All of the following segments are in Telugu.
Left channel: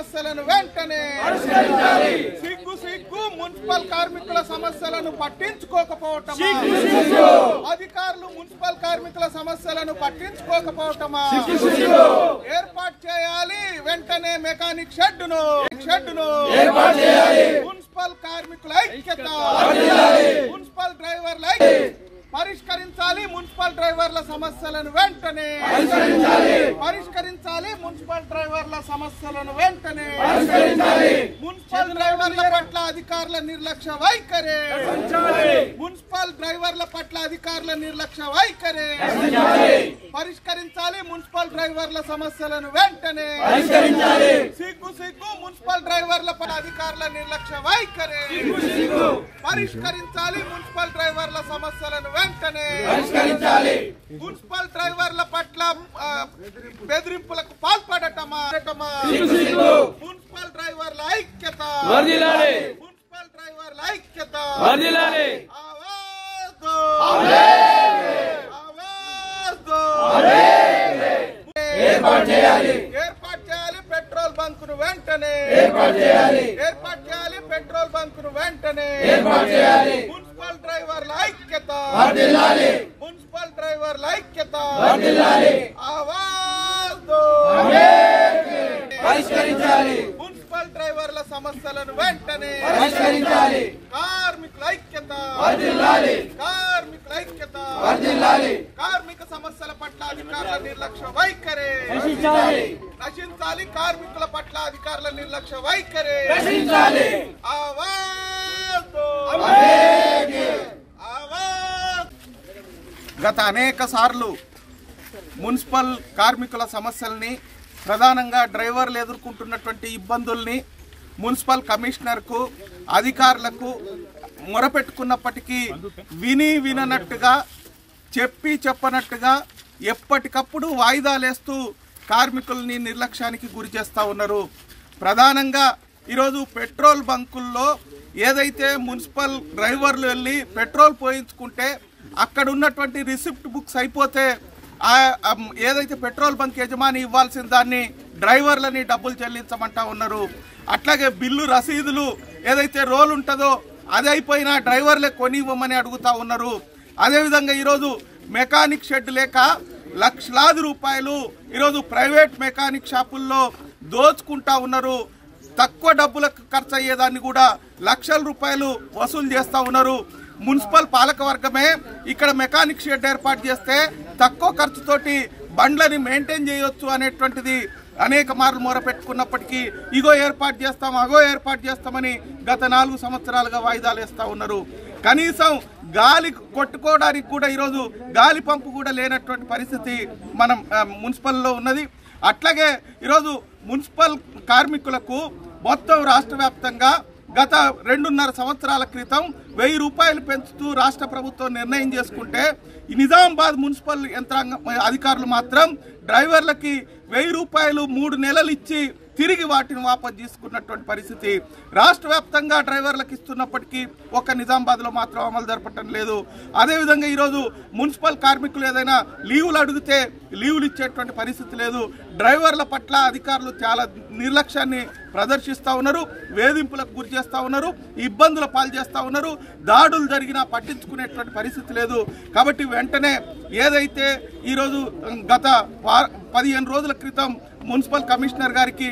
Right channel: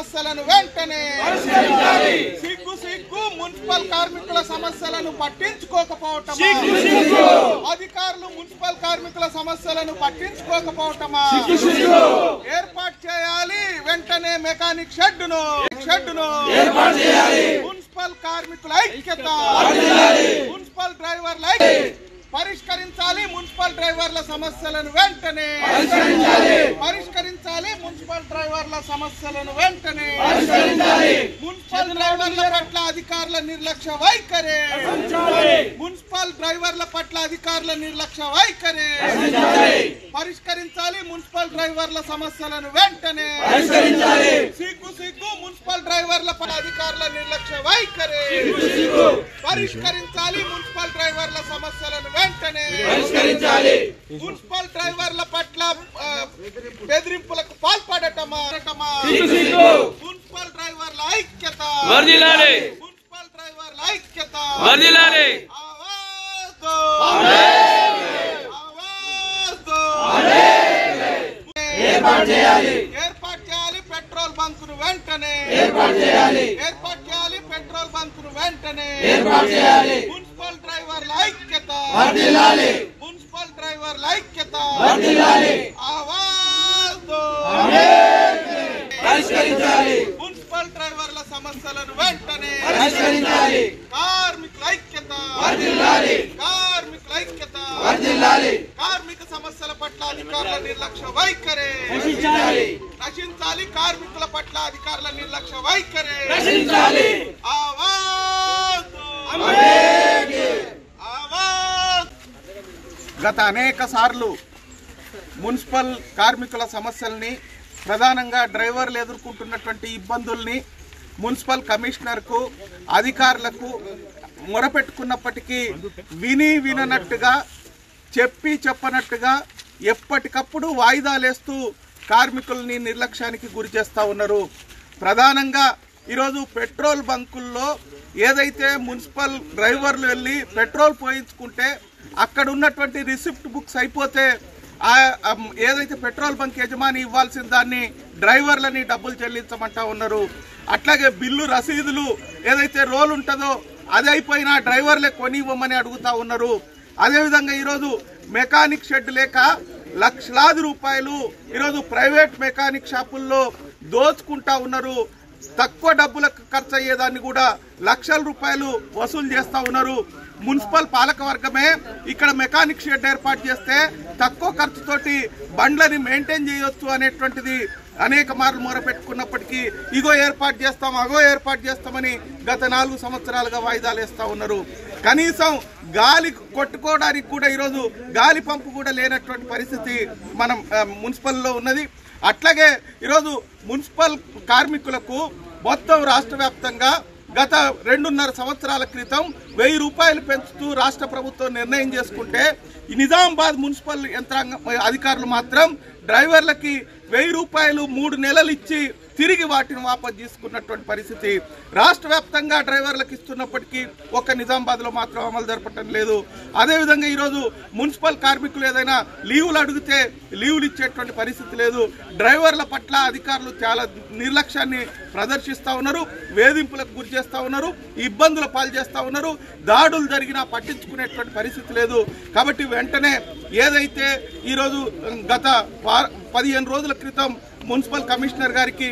సమస్యలను వెంటనే సిగ్గు మున్సిపల్ కార్మికుల సమస్యలను పట్టించుకోకపోవటమా, అధికారులు మున్సిపల్ కార్మికుల సమస్యలను పట్టించుకోకపోవటమా, ఏర్పాటు చేయాలి వెంటనే మెకానిక్ షెడ్డును మున్సిపల్ కార్మికుల ఐక్యత, మున్సిపల్ డ్రైవర్ల పరిష్కరించాలి, మున్సిపల్ డ్రైవర్ల సమస్యలను వెంటనే పరిష్కరించాలి, మున్సిపల్ డ్రైవర్ల సమస్యలను వెంటనే మున్సిపల్ డ్రైవర్ల పట్ల అధికారుల నిర్లక్ష్య వైఖరి, మున్సిపల్ డ్రైవర్ల పట్ల అధికారుల నిర్లక్ష్య వైఖరి పరిష్కరించాలి, మున్సిపల్ డ్రైవర్ల సమస్యలను వెంటనే సిగ్గు మున్సిపల్ డ్రైవర్ల పట్ల అధికారుల నిర్లక్ష్య వైఖరి పరిష్కరించాలి, మున్సిపల్ డ్రైవర్ల సమస్యలను వెంటనే మున్సిపల్ డ్రైవర్ల పట్ల బెదిరింపులకు పాల్పడటమా, మున్సిపల్ డ్రైవర్ల ఐక్యత, మున్సిపల్ డ్రైవర్ల ఐక్యత ఏర్పాటు చేయాలి పెట్రోల్ బంకును వెంటనే ఏర్పాటు చేయాలి పెట్రోల్ బంకును వెంటనే మున్సిపల్ డ్రైవర్ల ఐక్యత, మున్సిపల్ డ్రైవర్ల ఐక్యత మున్సిపల్ డ్రైవర్ల సమస్యలను వెంటనే కార్మికుల ఐక్యత, కార్మికుల ఐక్యత కార్మిక సమస్యల పట్ల అధికారుల నిర్లక్ష్య వైఖరి రక్షించాలి, కార్మికుల పట్ల అధికారుల నిర్లక్ష్య వైఖరి గత అనేక సార్లు మున్సిపల్ కార్మికుల సమస్యల్ని, ప్రధానంగా డ్రైవర్లు ఎదుర్కొంటున్నటువంటి ఇబ్బందుల్ని మున్సిపల్ కమిషనర్కు అధికారులకు మొరపెట్టుకున్నప్పటికీ విననట్టుగా చెప్పనట్టుగా ఎప్పటికప్పుడు వాయిదాలేస్తూ కార్మికుల్ని నిర్లక్ష్యానికి గురి చేస్తూ ఉన్నారు. ప్రధానంగా ఈరోజు పెట్రోల్ బంకుల్లో ఏదైతే మున్సిపల్ డ్రైవర్లు వెళ్ళి పెట్రోల్ పోయించుకుంటే అక్కడ ఉన్నటువంటి రిసిప్ట్ బుక్స్ అయిపోతే ఏదైతే పెట్రోల్ బంక్ యజమాని ఇవ్వాల్సిన దాన్ని డ్రైవర్లని డబ్బులు చెల్లించమంటా ఉన్నారు. అట్లాగే బిల్లు రసీదులు ఏదైతే రోల్ ఉంటుందో అది అయిపోయినా డ్రైవర్లే కొనివ్వమని అడుగుతా ఉన్నారు. అదేవిధంగా ఈరోజు మెకానిక్ షెడ్ లేక లక్షలాది రూపాయలు ఈరోజు ప్రైవేట్ మెకానిక్ షాపుల్లో దోచుకుంటా ఉన్నారు. తక్కువ డబ్బులకు ఖర్చు అయ్యేదాన్ని కూడా లక్షల రూపాయలు వసూలు చేస్తూ ఉన్నారు. మున్సిపల్ పాలకవర్గమే ఇక్కడ మెకానిక్ షెడ్ ఏర్పాటు చేస్తే తక్కువ ఖర్చుతోటి బండ్లని మెయింటైన్ చేయొచ్చు అనేటువంటిది అనేక మార్లు మొరపెట్టుకున్నప్పటికీ ఇగో ఏర్పాటు చేస్తాం, అగో ఏర్పాటు చేస్తామని గత 4 సంవత్సరాలుగా వాయిదాలు వేస్తూ ఉన్నారు. కనీసం గాలి కొట్టుకోవడానికి కూడా ఈరోజు గాలి పంపు కూడా లేనటువంటి పరిస్థితి మనం మున్సిపల్లో ఉన్నది. అట్లాగే ఈరోజు మున్సిపల్ కార్మికులకు మొత్తం రాష్ట్ర వ్యాప్తంగా గత 2.5 సంవత్సరాల క్రితం 1000 రూపాయలు పెంచుతూ రాష్ట్ర ప్రభుత్వం నిర్ణయం చేసుకుంటే నిజామాబాద్ మున్సిపల్ యంత్రాంగం అధికారులు మాత్రం డ్రైవర్లకి 1000 రూపాయలు 3 నెలలు ఇచ్చి తిరిగి వాటిని వాపసు తీసుకున్నటువంటి పరిస్థితి రాష్ట్ర వ్యాప్తంగా డ్రైవర్లకు ఇస్తున్నప్పటికీ ఒక్క నిజామాబాద్లో మాత్రం అమలు జరపటం లేదు. అదేవిధంగా ఈరోజు మున్సిపల్ కార్మికులు ఏదైనా లీవులు అడిగితే లీవులు ఇచ్చేటువంటి పరిస్థితి లేదు. డ్రైవర్ల పట్ల అధికారులు చాలా నిర్లక్ష్యాన్ని ప్రదర్శిస్తూ ఉన్నారు, వేధింపులకు గురి చేస్తూ ఉన్నారు, ఇబ్బందుల పాలు చేస్తూ ఉన్నారు. దాడులు జరిగినా పట్టించుకునేటువంటి పరిస్థితి లేదు. కాబట్టి వెంటనే ఏదైతే ఈరోజు గత 15 రోజుల క్రితం మున్సిపల్ కమిషనర్ గారికి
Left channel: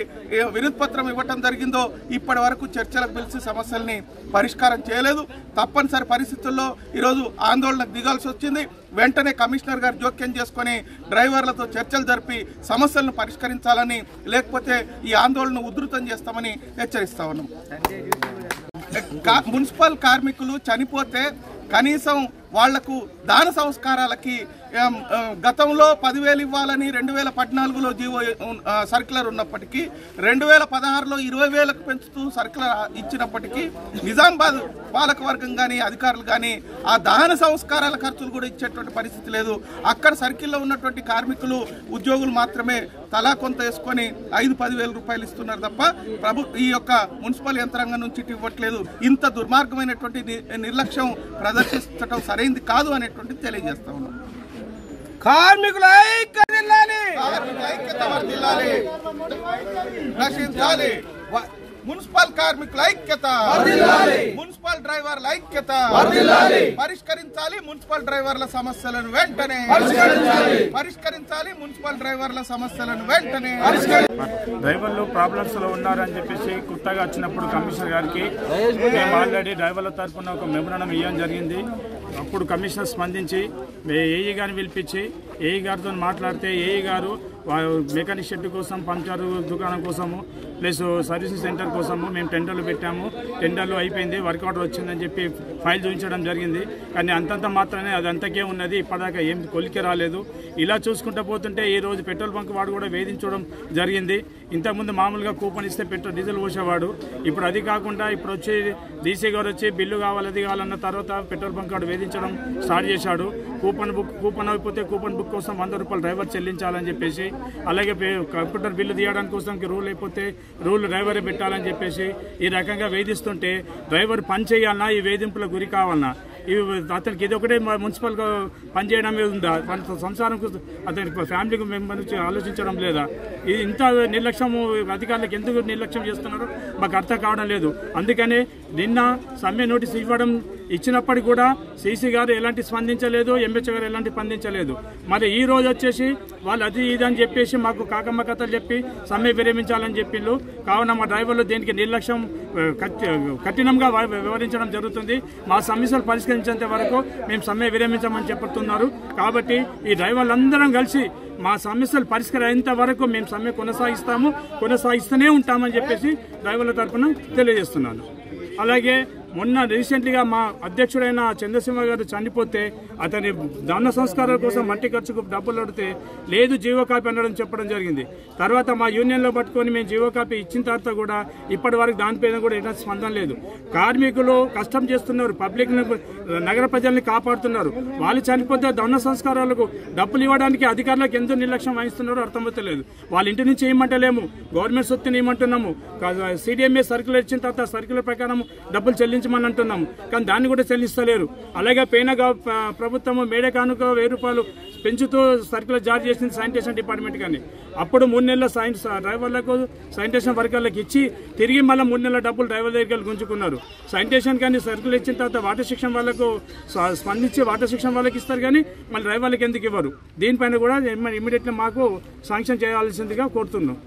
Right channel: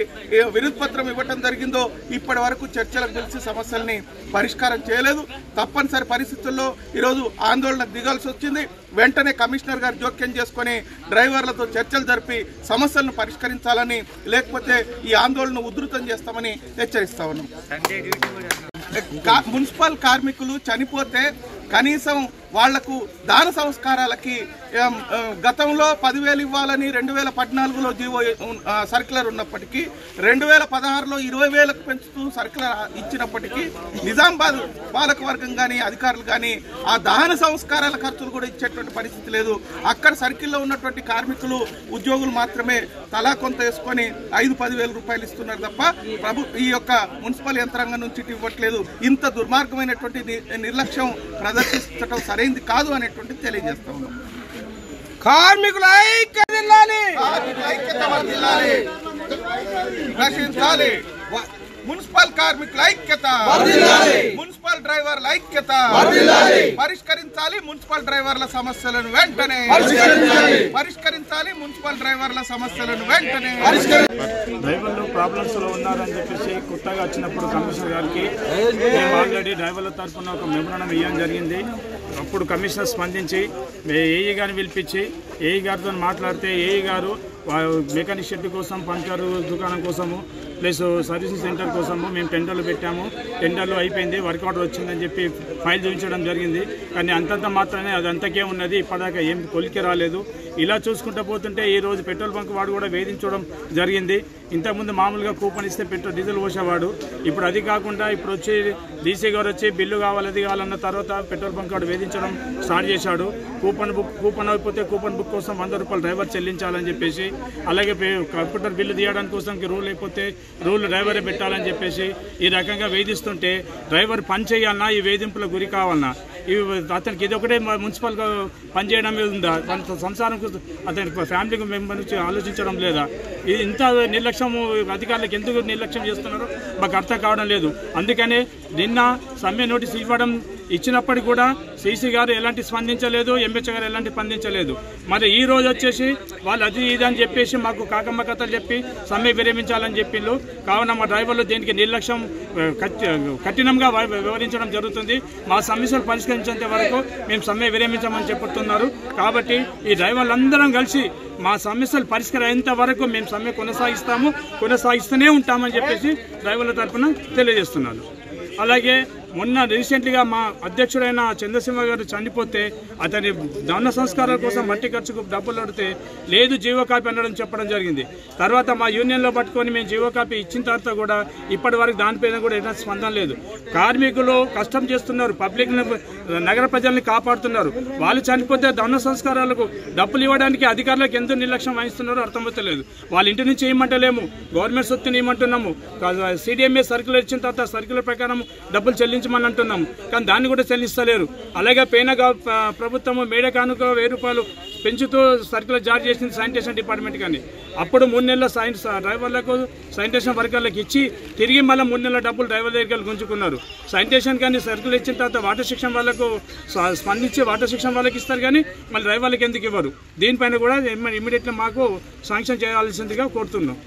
వినతి పత్రం ఇవ్వటం జరిగిందో ఇప్పటి వరకు చర్చలకు పిలిచి సమస్యల్ని పరిష్కారం చేయలేదు. తప్పనిసరి పరిస్థితుల్లో ఈరోజు ఆందోళనకు దిగాల్సి వచ్చింది. వెంటనే కమిషనర్ గారు జోక్యం చేసుకుని డ్రైవర్లతో చర్చలు జరిపి సమస్యలను పరిష్కరించాలని, లేకపోతే ఈ ఆందోళన ఉధృతం చేస్తామని హెచ్చరిస్తా ఉన్నాం. మున్సిపల్ కార్మికులు చనిపోతే కనీసం వాళ్లకు దాన సంస్కారాలకి గతంలో 10,000 ఇవ్వాలని 2014లో జీవో సర్క్యులర్ ఉన్నప్పటికీ 2016లో 20,000కు పెంచుతూ సర్క్యులర్ ఇచ్చినప్పటికీ నిజామాబాద్ పాలకవర్గం కానీ అధికారులు కానీ ఆ దహన సంస్కారాల ఖర్చులు కూడా ఇచ్చేటువంటి పరిస్థితి లేదు. అక్కడ సర్కిల్లో ఉన్నటువంటి కార్మికులు ఉద్యోగులు మాత్రమే తలా కొంత వేసుకొని 5-10,000 రూపాయలు ఇస్తున్నారు తప్ప ఈ యొక్క మున్సిపల్ యంత్రాంగం నుంచి ఇవ్వట్లేదు. ఇంత దుర్మార్గమైనటువంటి నిర్లక్ష్యం ప్రదర్శించడం సరైంది కాదు అనేటువంటిది తెలియజేస్తా ఉన్నాం. కార్మికుల ఐక్యత వర్ధిల్లాలి. నశించాలి. మున్సిపల్ కార్మికుల ఐక్యత, మున్సిపల్ డ్రైవర్ల ఐక్యత, పరిష్కరించాలి మున్సిపల్ డ్రైవర్ల సమస్యలను వెంటనే, పరిష్కరించాలి మున్సిపల్ డ్రైవర్ల సమస్యలను వెంటనే. డ్రైవర్లు ప్రాబ్లమ్స్ లో ఉన్నారని చెప్పేసి కొత్తగా వచ్చినప్పుడు కమిషనర్ గారికి మేము ఆల్రెడీ డ్రైవర్ల తరఫున ఒక మెమోరాండం ఇవ్వడం జరిగింది. అప్పుడు కమిషనర్ స్పందించి ఏఈ గారిని పిలిపించి ఏఈ గారితో మాట్లాడితే ఏఈ గారు మెకానిక్ షెడ్ కోసం, పంచర్ దుకాణం కోసము ప్లస్ సర్వీసింగ్ సెంటర్ కోసము మేము టెండర్లు పెట్టాము. టెండర్లు అయిపోయింది, వర్క్ ఆర్డర్ వచ్చిందని చెప్పి ఫైల్ చూపించడం జరిగింది. కానీ అంతంత మాత్రమే అది అంతకే ఉన్నది, ఇప్పటిదాకా ఏం కొలికి రాలేదు. ఇలా చూసుకుంటూ పోతుంటే ఈరోజు పెట్రోల్ బంక్ వాడు కూడా వేధించడం జరిగింది. ఇంతకుముందు మామూలుగా కూపన్ ఇస్తే డీజిల్ పోసేవాడు. ఇప్పుడు అది కాకుండా ఇప్పుడు వచ్చి డీసీ గారు వచ్చి బిల్లు కావాలి అది కావాలన్న తర్వాత పెట్రోల్ బంక్ వాడు వేధించడం స్టార్ట్ చేశాడు. కూపన్ అయిపోతే కూపన్ బుక్ కోసం 100 రూపాయలు డ్రైవర్ చెల్లించాలని చెప్పేసి, అలాగే కంప్యూటర్ బిల్లు తీయడానికి కోసం రూల్ అయిపోతే రూల్ డ్రైవరే పెట్టాలని చెప్పేసి ఈ రకంగా వేధిస్తుంటే డ్రైవర్ పని చేయాలన్నా ఈ వేధింపులకు గురి కావాలన్నా అతనికి ఇది ఒకటే మున్సిపల్గా పనిచేయడం మీద ఉందా? సంసారం అతని ఫ్యామిలీ మెంబర్ నుంచి ఆలోచించడం లేదా? ఇది ఇంత నిర్లక్ష్యం అధికారులకు ఎందుకు నిర్లక్ష్యం చేస్తున్నారో మాకు అర్థం కావడం లేదు. అందుకనే నిన్న సమ్మె నోటీస్ ఇచ్చినప్పటికీ కూడా సీసీ గారు ఎలాంటి స్పందించలేదు, ఎంహెచ్ గారు ఎలాంటి స్పందించలేదు. మరి ఈ రోజు వచ్చేసి వాళ్ళు అది ఇది అని చెప్పేసి మాకు కాకమ్మ కథలు చెప్పి సమ్మె విరమించాలని చెప్పిండ్రు. కావున మా డ్రైవర్లు దీనికి నిర్లక్ష్యం కఠినంగా వివరించడం జరుగుతుంది. మా సమస్యలు పరిష్కరించేంత వరకు మేము సమ్మె విరమించమని చెప్తున్నారు. కాబట్టి ఈ డ్రైవర్లందరం కలిసి మా సమస్యలు పరిష్కరించేంత వరకు మేము సమ్మె కొనసాగిస్తూనే ఉంటామని చెప్పేసి డ్రైవర్ల తరఫున తెలియజేస్తున్నాను. అలాగే మొన్న రీసెంట్గా మా అధ్యక్షుడైన చంద్రసింహ గారు చనిపోతే అతని దహన సంస్కారాల కోసం మట్టి ఖర్చుకు డబ్బులు అడితే లేదు జీవో కాపీ అనడం చెప్పడం జరిగింది. తర్వాత మా యూనియన్లో పట్టుకొని మేము జీవో కాపీ ఇచ్చిన తర్వాత కూడా ఇప్పటి వరకు దానిపైన కూడా ఎలాంటి స్పందన లేదు. కార్మికులు కష్టం చేస్తున్నారు, పబ్లిక్ నగర ప్రజల్ని కాపాడుతున్నారు. వాళ్ళు చనిపోతే దహన సంస్కారాలకు డబ్బులు ఇవ్వడానికి అధికారులకు ఎందుకు నిర్లక్ష్యం వహిస్తున్నారో అర్థమవుతలేదు. వాళ్ళ ఇంటి నుంచి ఏమంటలేము, గవర్నమెంట్ సొత్తుని ఏమంటున్నాము, CDMA సర్క్యులర్ ఇచ్చిన తర్వాత సర్క్యులర్ ప్రకారం డబ్బులు చెల్లించమని అంటున్నాము. కానీ దాన్ని కూడా చెల్లిస్తలేరు. అలాగే పోయిన ప్రభుత్వము మేడే కానుక 1000 రూపాయలు పెంచుతూ సర్క్యులర్ జారీ చేసింది శానిటేషన్ డిపార్ట్మెంట్. కానీ అప్పుడు 3 నెలల డ్రైవర్లకు శానిటేషన్ వర్కర్లకు ఇచ్చి తిరిగి మళ్ళీ 3 నెలల డబ్బులు డ్రైవర్ దగ్గర గుంజుకున్నారు. శానిటేషన్ కానీ సర్క్యులర్ ఇచ్చిన తర్వాత వాటర్ సెక్షన్ వాళ్ళకు స్పందించి వాటర్ సెక్షన్ వాళ్ళకి ఇస్తారు, కానీ మళ్ళీ డ్రైవర్లకు ఎందుకు ఇవ్వరు? దీనిపైన కూడా ఇమ్మీడియట్గా మాకు శాంక్షన్ చేయాల్సిందిగా కోరుతున్నాం.